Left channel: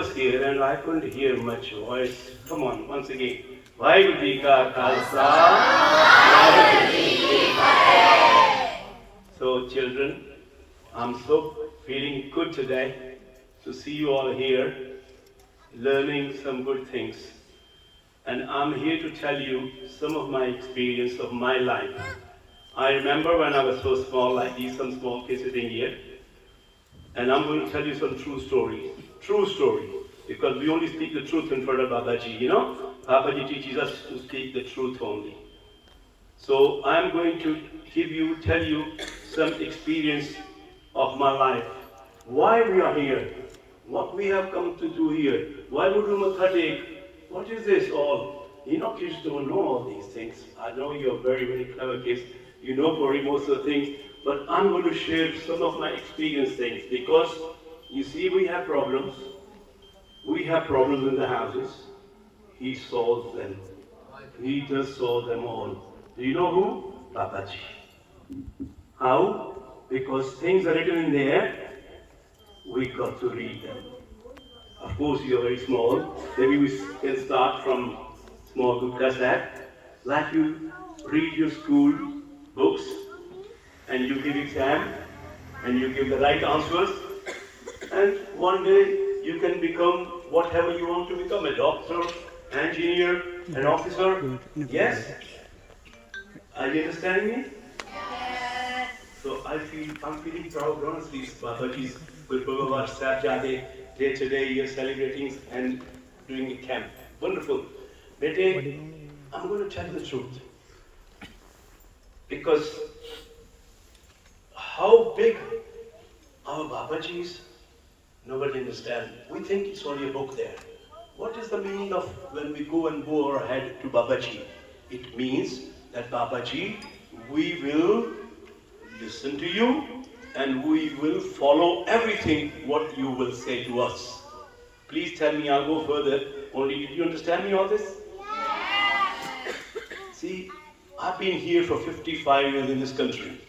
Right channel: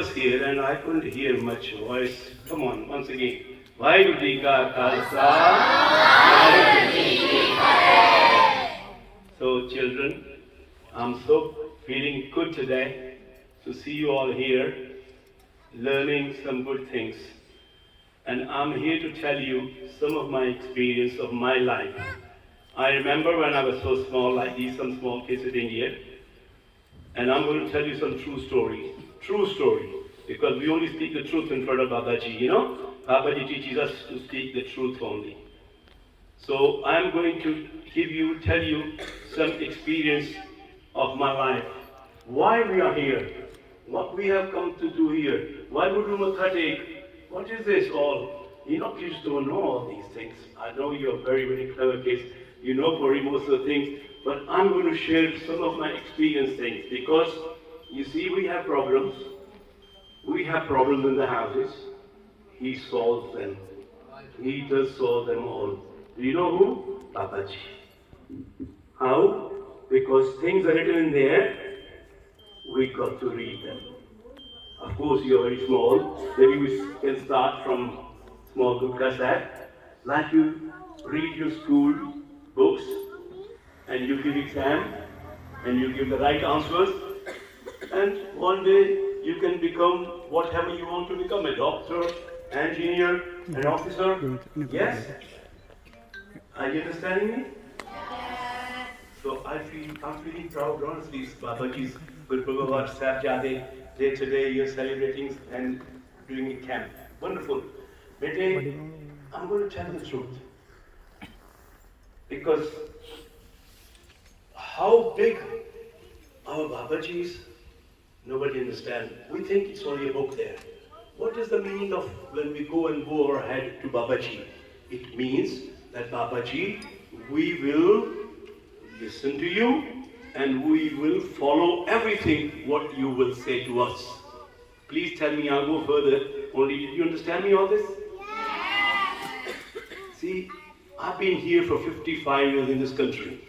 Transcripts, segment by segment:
was here and I couldn't hear much voice. Come on, once again. Vaheguru Ji Ka Khalsa, Vaheguru Ji Ki Fateh. So children, I'm so feeling good today to see you all here, learning some good things. And I'm here to tell you some of my experience of my life. I remember when I was so small, like these some small kids sitting here, and I'm going to tell you some true story, because we only speak the truth in front of Babaji, you know? Babaji teaches us to speak the truth only. So I'm going to tell you some experience of my life. Why we are here, what we have come to do here, why would we take, what is this all? You know, kids don't know all these things. I know you're very, very clever kids. You know probably most of the things, but I'm going to share some of my experience things because you see we have problems. We have problems in the houses. He solves them. He does solve them all. Do you know who? Babaji. How? Because things are written in there, we got to read them. Of course, you're very small. Maybe we can start from small group as that. Like you read your school books, and you give exam, and you give the right answers, and one day you can become whatever you want to become, a doctor, engineer, an officer. Yes? Are you understanding me? Yes. So I'm feeling proud, honestly, Babaji's Guru Bhagavat Sahib today you're celebrating and doing a camp. Wonderful. Bete, I'm going to tell you the truth. Because how big our Babaji is, nobody understands. We think it's only a book there. What is the meaning of when we go our head to Babaji? It means that Babaji, we will listen to you and we will follow everything what you will say to us. Please tell me, I'll go further. Only, did you understand me all this? Yes. See, I've been here for 55 years in this country.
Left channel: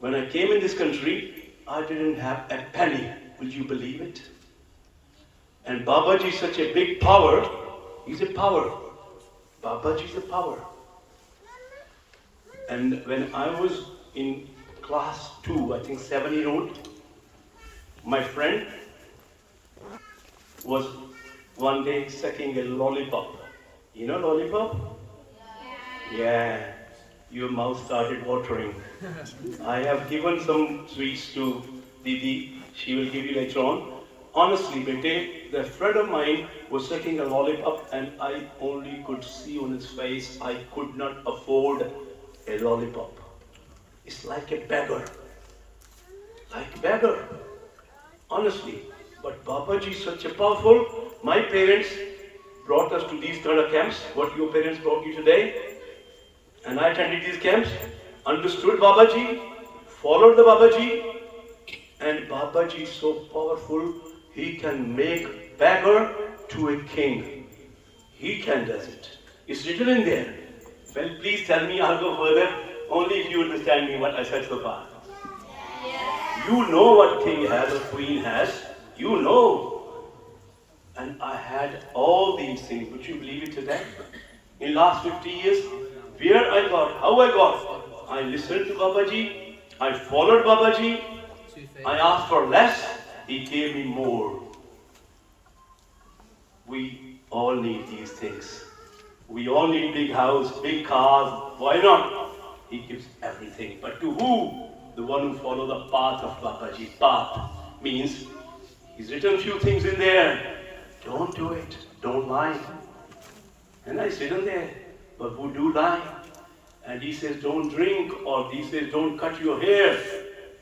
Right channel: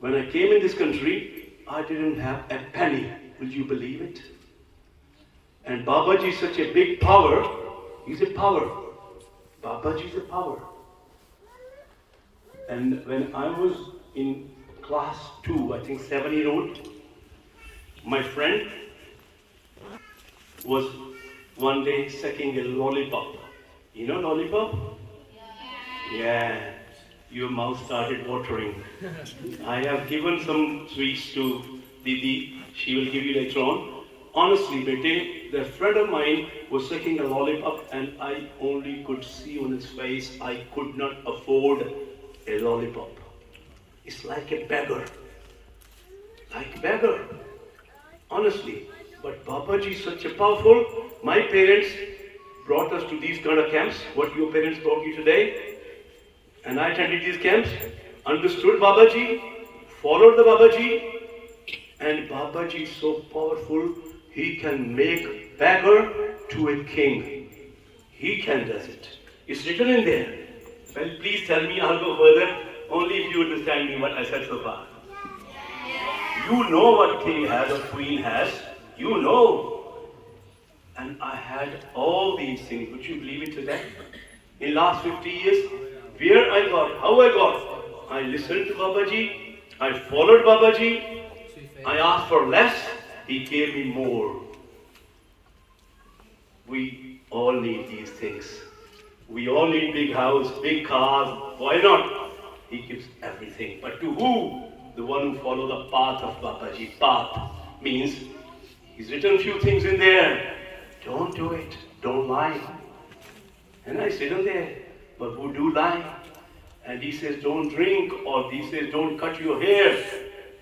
When I came in this country, I didn't have a penny. Will you believe it? And Babaji is such a big power. He's a power. Babaji is a power. And when I was in class 2, I think 7-year-old, my friend was one day sucking a lollipop. You know lollipop? Yeah, your mouth started watering. I have given some sweets to Didi. She will give you later on. Honestly, Bete, the friend of mine was sucking a lollipop and I only could see on his face I could not afford a lollipop. It's like a beggar. Like a beggar. Honestly. But Babaji is such a powerful. My parents brought us to these kind of camps, what your parents brought you today. And I attended these camps, understood Babaji, followed the Babaji, and Babaji is so powerful, he can make beggar to a king. He can does it. It's written in there. Well, please tell me, I'll go further, only if you understand me what I said so far. You know what king has or queen has. You know. And I had all these things. Would you believe it today? In last 50 years, where I got, how I got, I listened to Babaji, I followed Babaji, I asked for less, he gave me more. We all need these things. We all need big house, big cars, why not? He gives everything. But to who? The one who follows the path of Babaji. Path means, he's written a few things in there. Don't do it, don't lie. And I sit in there, but who do lie? And he says, don't drink, or he says, don't cut your hair.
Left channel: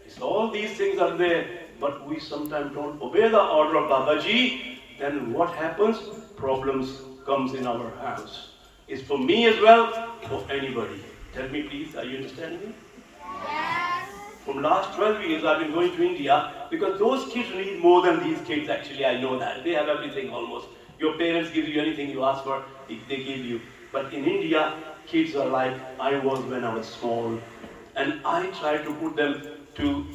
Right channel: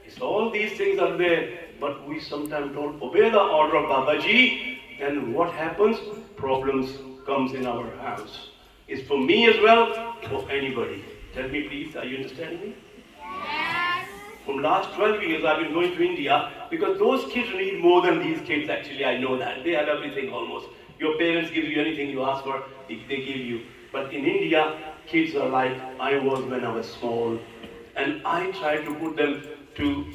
It's all these things are there, but we sometimes don't obey the order of Babaji, and what happens? Problems comes in our house. It's for me as well, for anybody. Tell me please, are you understanding me? Yes. From last 12 years I've been going to India, because those kids need more than these kids actually, I know that. They have everything almost. Your parents give you anything you ask for, they give you. But in India, kids are like I was when I was small. And I try to put them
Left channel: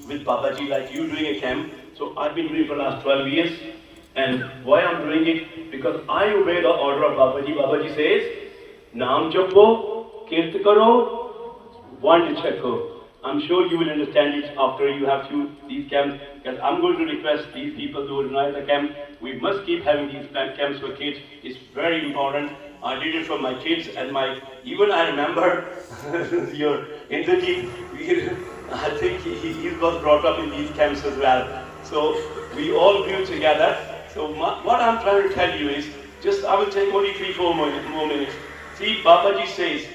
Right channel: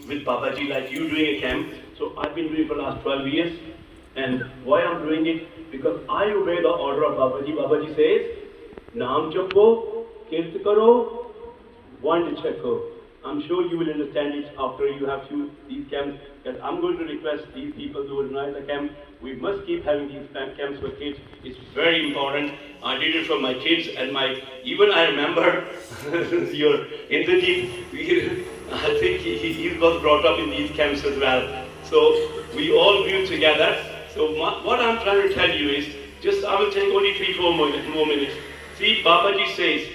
with Babaji, like you doing a camp. So I've been doing for the last 12 years. And why I'm doing it? Because I obey the order of Babaji. Babaji says, Naam japo, kirt karo, one checko. I'm sure you will understand it after you have these camps. Because I'm going to request these people to organize the camp. We must keep having these camps for kids. It's very important. I did it for my kids and even I remember your Indrajit, I think he was brought up in these camps as well. So we all grew together. So what I'm trying to tell you is, I will take only 3-4 more minutes. See, Babaji says,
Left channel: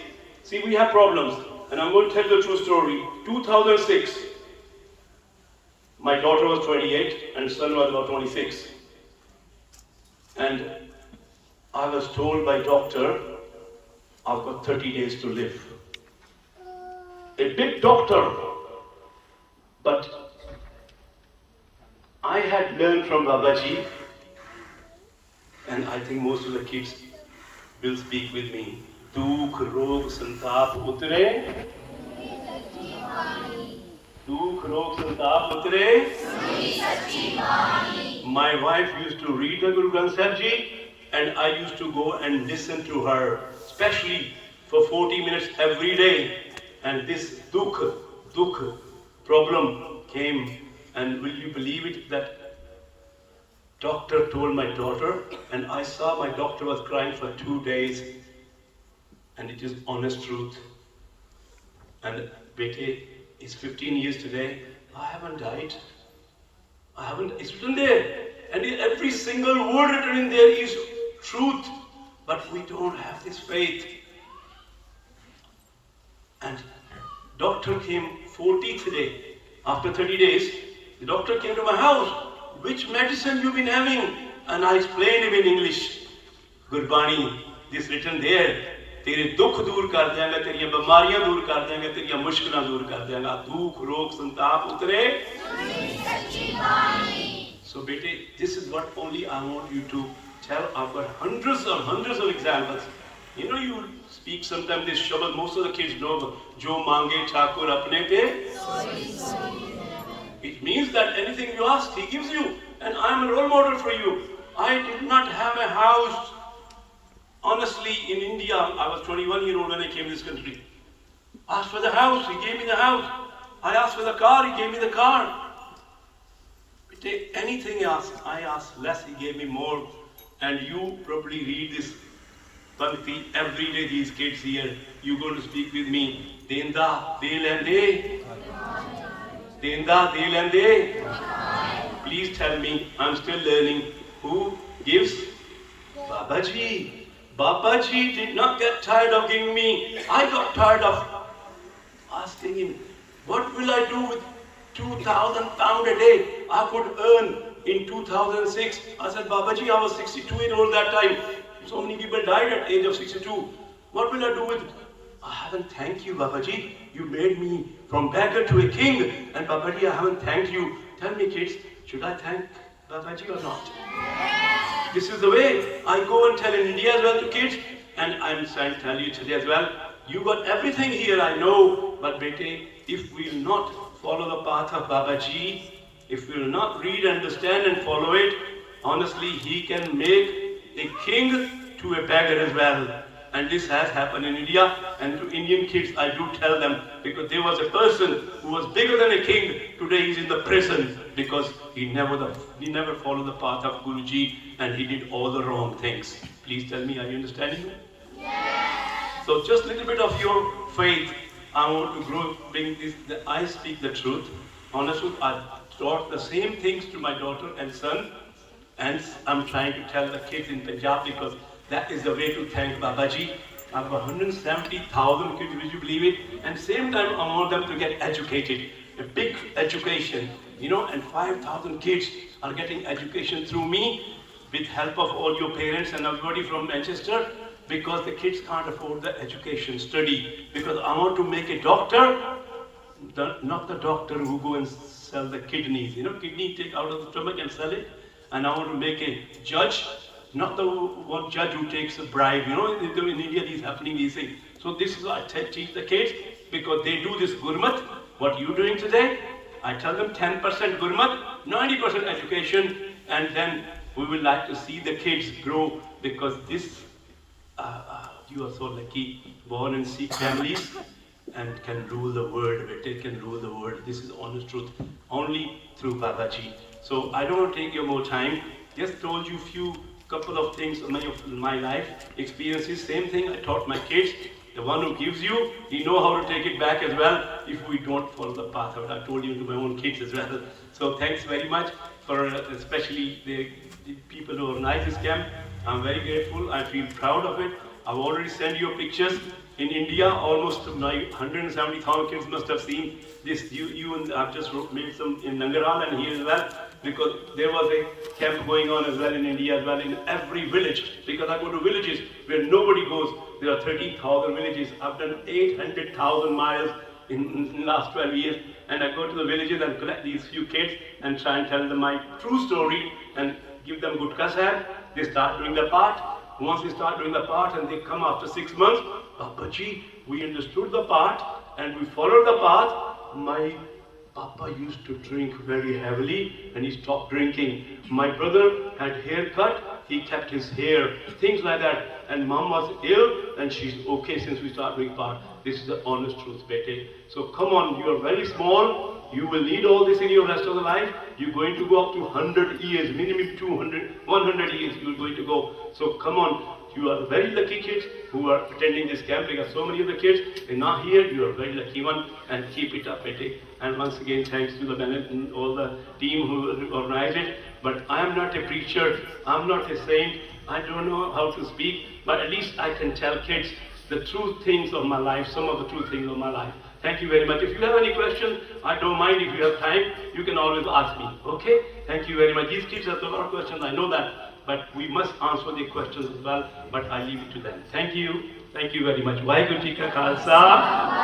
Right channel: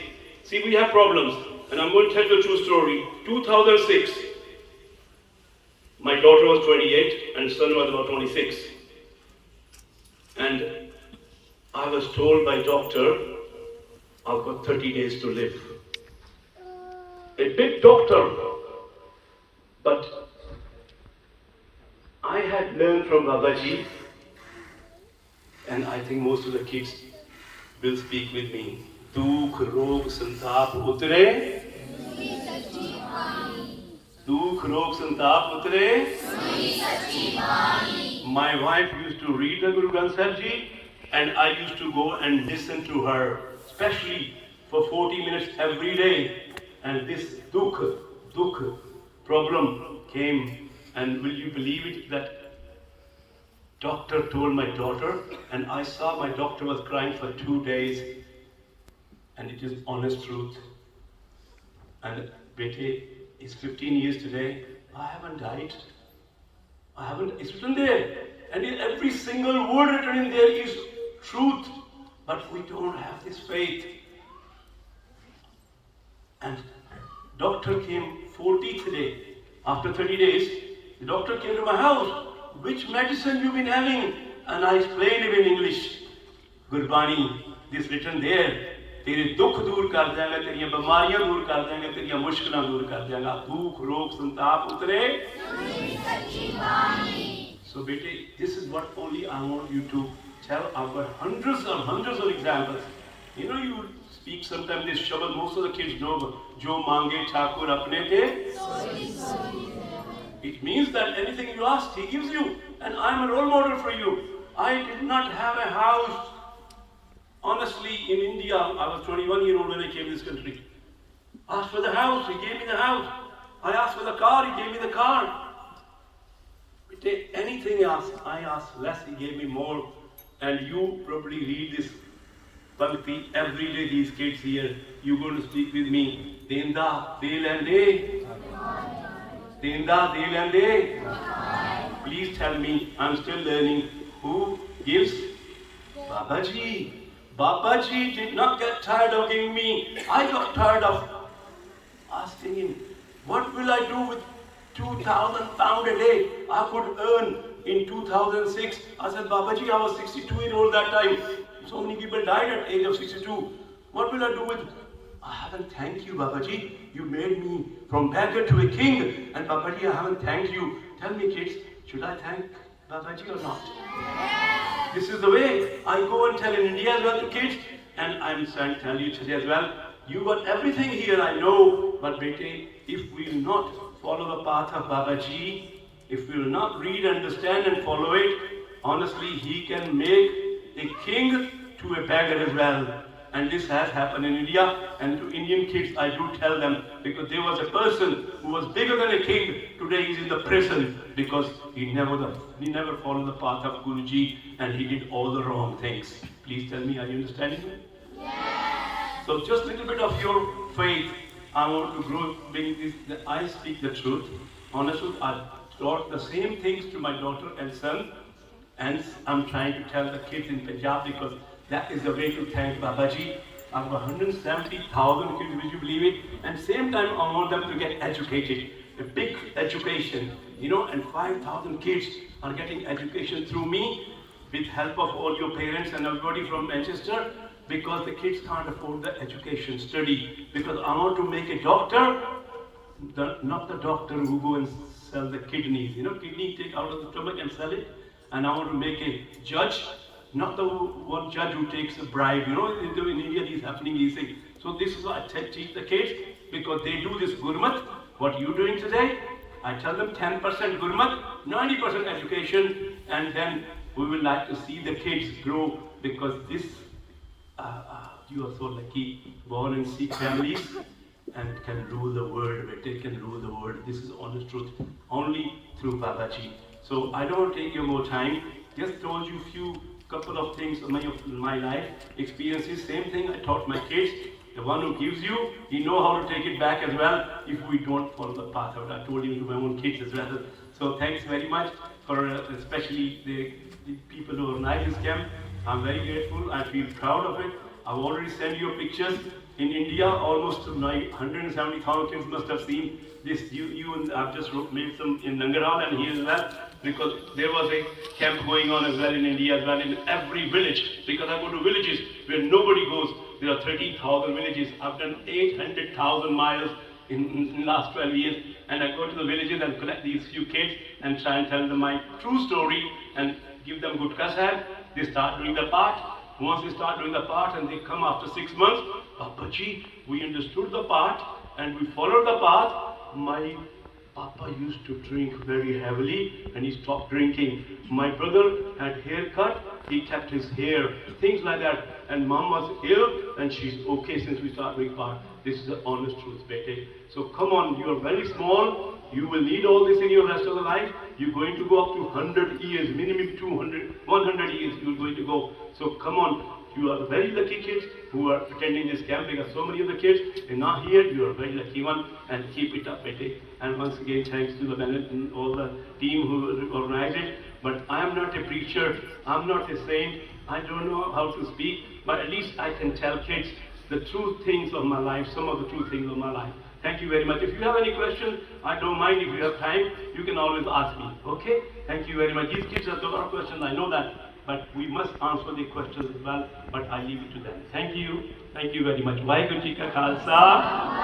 see, we have problems. And I'm going to tell you a true story. 2006, my daughter was 28 and son was about 26. And I was told by doctor, I've got 30 days to live. A big doctor. But I had learned from Babaji, and I think most of the kids will speak with me. Dukh, rog, santap utre. Dukh, rog, santap utre. My wife used to read the Guru Granth Sahib Ji, and I used to go and listen to her, especially for 40 minutes every day. And this dukh problem came, and will you believe it that doctor told my daughter, and I saw my daughter was crying for 2 days, and it is honest truth. And Bete, it's 15 years today, I haven't died. It's written there. And every single word written in there is truth. But we don't have this faith. And doctor came 40th day. After 30 days, the doctor came to my house. Which medicine you've been having? And I explained it in English. Gurbani, this written there. तेरे दुख दूर कर देंगे, तेरी बीमारियां दूर कर देंगे, तेरी मुश्किलें दूर कर देंगे. दुख, रोग, संताप उतरे. So, bete, this is what only I want you to tell. I've got hundreds of examples. You know, you speak sometimes this shabad, most of the kids know, Jo mange Thakur apne te. It means that anything you ask, he gives you. And I am a role model for you. I did not have a house. Honestly, in India, I was 21-year-old when I came to this country. I asked for the house, he gave me the house. I asked for the car, he gave me the car. Anything else, I asked less, he gave me more. And you probably read this Bhakti every day, these kids here. You're going to speak with me. Denda, de lende. Denda, de lende. Please tell me, I'm still learning. Who gives? Babaji. Babaji did not get tired of giving me. I got tired of asking him, what will I do with 2,000 pounds a day I could earn in 2006? I said, Babaji, I was 62-year-old that time. So many people died at the age of 62. What will I do with? I haven't thanked you, Babaji. You made me from beggar to a king. And Babaji, I haven't thanked you. Tell me, kids, should I thank Babaji or not? This is the way I go and tell in India as well to kids, and I'm trying to tell you today as well. You got everything here, I know, but bete, if we will not follow the path of Babaji, if we will not read, understand and follow it, honestly, he can make a king to a beggar as well. And this has happened in India, and to Indian kids I do tell them, because there was a person who was bigger than a king, today he's in the prison because he never followed the path of Guruji and he did all the wrong things. Please tell me, are you understanding me? Yes. So just a little bit of your faith, I want to grow, bring this, I speak the truth. Honestly, I taught the same things to my daughter and son, and I'm trying to tell the kids in Punjab because that is the way to thank Babaji. I've got 170,000 kids, would you believe it? And same time I want them to get educated. A big education, you know, and 5,000 kids are getting education through me with help of all your parents and everybody from Manchester, because the kids can't afford the education, study. Because I want to make a doctor, not the doctor who go and sell the kidneys. You know, kidney take out of the stomach and sell it. And I want to make a judge, not the one judge who takes a bribe. You know, in India these happening, these things. So this is what I teach the kids, because they do this Gurmat. What you doing today? I tell them 10% Gurmat, 90% education, and then we would like to see the kids grow, because you are so lucky, born in Sikh families and can rule the world. Bete can rule the world. This is honest truth, only through Babaji. So I don't want to take your more time. Just told you couple of things of my life experiences. Same thing I taught my kids. The one who gives you, he know how to take it back as well if we don't follow the path out. I told you to my own kids as well. So thanks very much for especially the people who organize this camp. I'm very grateful. I feel proud of it. I've already sent you pictures. In India, almost 170,000 kids must have seen this. You and I've just made some in Nangarhal and here as well, because there was a camp going on as well in India as well, in every village. Because I go to villages where nobody goes. There are 13,000 villages. I've done 800,000 miles in the last 12 years, and I go to the villages and collect these few kids and try and tell them my true story and give them good kasad. They start doing their part. Once they start doing the part and they come after 6 months, Papa ji, we understood the part and we followed the path. My Papa used to drink very heavily and he stopped drinking. My brother had haircut, he kept his hair, things like that. And mom was ill and she's okay since we started doing part. This is the honest truth, bete. So come on, you are very small. You will need all this in your rest of the life. You're going to go up to 100 years, minimum 200, 100 years you're going to go. So come on, you are very lucky kids who are attending this camp. We got so many of the kids, they're not here. You are a very lucky one, and keep it up, bete. And once again, thanks to the Bennett and all the team who organized it. But I am not a preacher, I'm not a saint, I don't know how to speak, but at least I can tell kids the true things of my life, some of the true things of my life. Thank you very much. If you have any questions, I don't mind. If you have time, you can always ask me. Okay? Thank you very much. These kids have a lot of questions, I know that, but we must answer the questions as well, but I leave it to them. Thank you. Thank you very much. Vaheguru Ji Ka Khalsa.